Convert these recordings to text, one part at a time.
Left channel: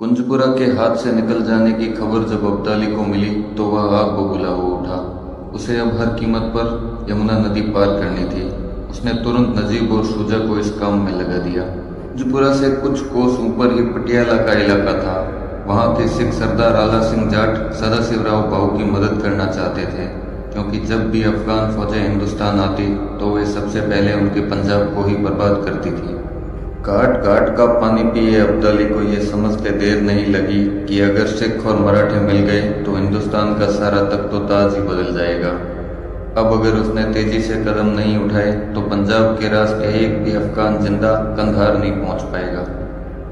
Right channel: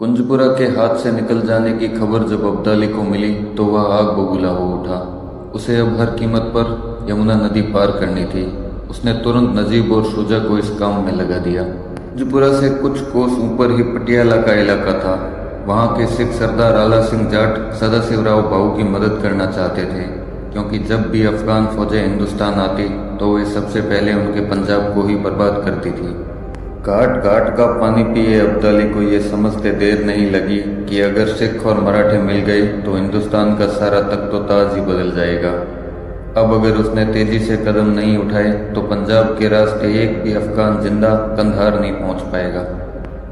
कुंजपुरा के हाथ से निकल जाने की खबर जब अब्दाली को मिली तो वह आग बबूला हो उठा। उसे अब हर कीमत पर यमुना नदी पार करनी थी। उसने तुरंत नजीब और शुजा को इस काम में लगा दिया। कुंजपुरा से कुछ कोस ऊपर ही पटियाला का इलाका था। वहां के सिख सरदार आला सिंह जाट सदाशिवराव भाऊ की मदद करना चाहते थे, क्योंकि जब भी अफगान फौजें हिंदुस्तान आती तो वे सबसे पहले उनके पंजाब को ही बर्बाद करती थी। घाट घाट का पानी पिए अब्दाली को ये समझते देर नहीं लगी कि अगर सिख और मराठे मिल गए तो हिंदुस्तान का सारा तख्तो-ताज ही बदल जाएगा। अब अगर उसने तेजी से कदम नहीं उठाए तो पंजाब के रास्ते एक भी अफगान जिंदा कंधार नहीं पहुंच पाएगा।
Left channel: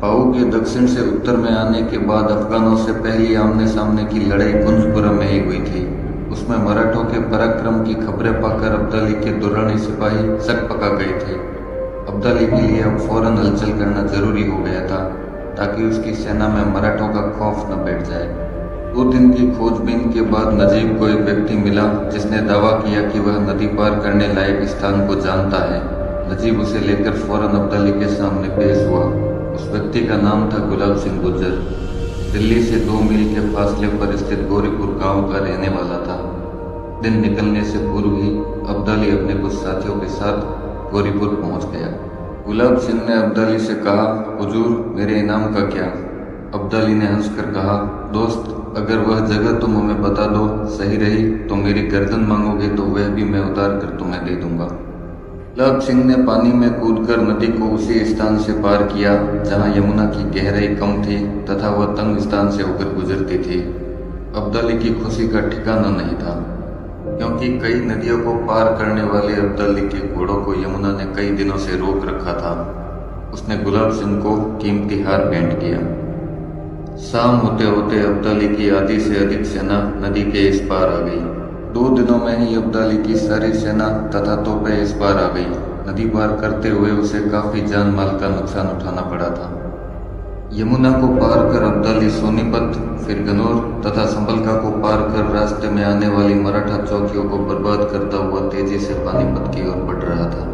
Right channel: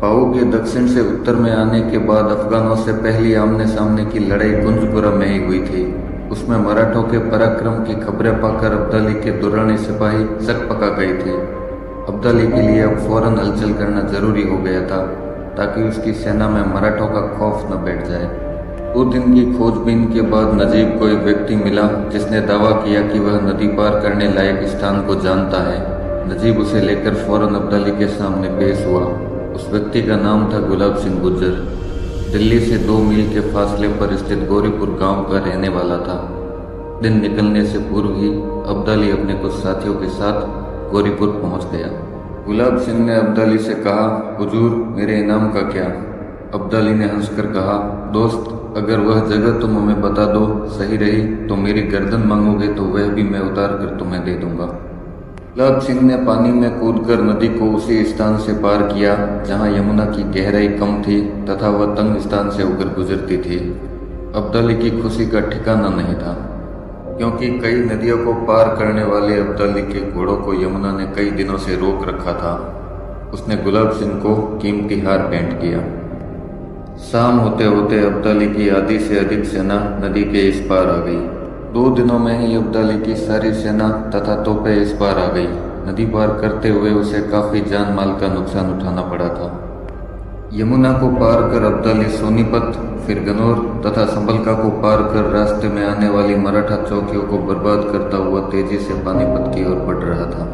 पाऊ के दक्षिण से उत्तर में आने के बाद अफगानों से पहली आमने सामने की लड़ाई कुंजपुरा में ही हुई थी। उसमें मराठों के पराक्रम की खबरें पाकर अब्दाली के दुर्रानी सिपाही सक पका गए थे। अब्दाली के लिए अब फौरन हलचल करना जरूरी हो गया था, ताकि उसकी सेना में मराठों का खौफ न बैठ जाए। 2 दिन की खोजबीन के बाद नजीब को एक व्यक्ति मिला जिसने दावा किया कि वह नदी पार करने लायक स्थान को जानता है। नजीब उसे लेकर फौरन अब्दाली के सामने पेश हुआ। उस व्यक्ति का नाम था गुलाब सिंह गुर्जर। दिल्ली से 2 मील के फासले पर स्थित गौरीपुर गांव का रहने वाला था। दिन निकलने से पूर्व ही अब्दाली अपने कुछ साथियों के साथ गौरीपुर पहुंच गया। गुलाब सिंह ने अब्दाली से कहा, हुजूर, मेरे इनाम का क्या? अब्दाली ने हंसकर कहा, दोस्त, अगर वह जगह तुम हमें बता दो सही रही तो मेरी गर्दन मांगोगे तो वह भी मैं उतार कर तुम्हें दे दूंगा। गुलाब सिंह ने पानी में कूदकर नदी को उसी स्थान से पार किया जहां यमुना की गहराई कम थी तथा वह तंग स्थान से होकर गुजरती थी। अब्दाली की खुशी का ठिकाना नहीं था, क्योंकि कई नदियों को पार करने वाले अब्दाली के घोड़ों को यमुना ने कई दिनों से रोक रखा था। उसने गुलाब सिंह को कीमती हार भेंट किया। शाम होते होते अब्दाली की आधी से अधिक सेना नदी के इस पार आ गई। 2 दिनों में ही अब्दाली की सारी सेना तथा तोपें इस पार आ गई। नदी पार करते हुए उसे काफी जान माल का नुकसान उठाना पड़ा था। यमुना को पार कर अब्दाली सोनीपत, फिर गनौर तथा संभलका को पार कर रास्ते में आने वाली मराठा चौकियों को बर्बाद करता हुआ तेजी से पानीपत की ओर बढ़ रहा था।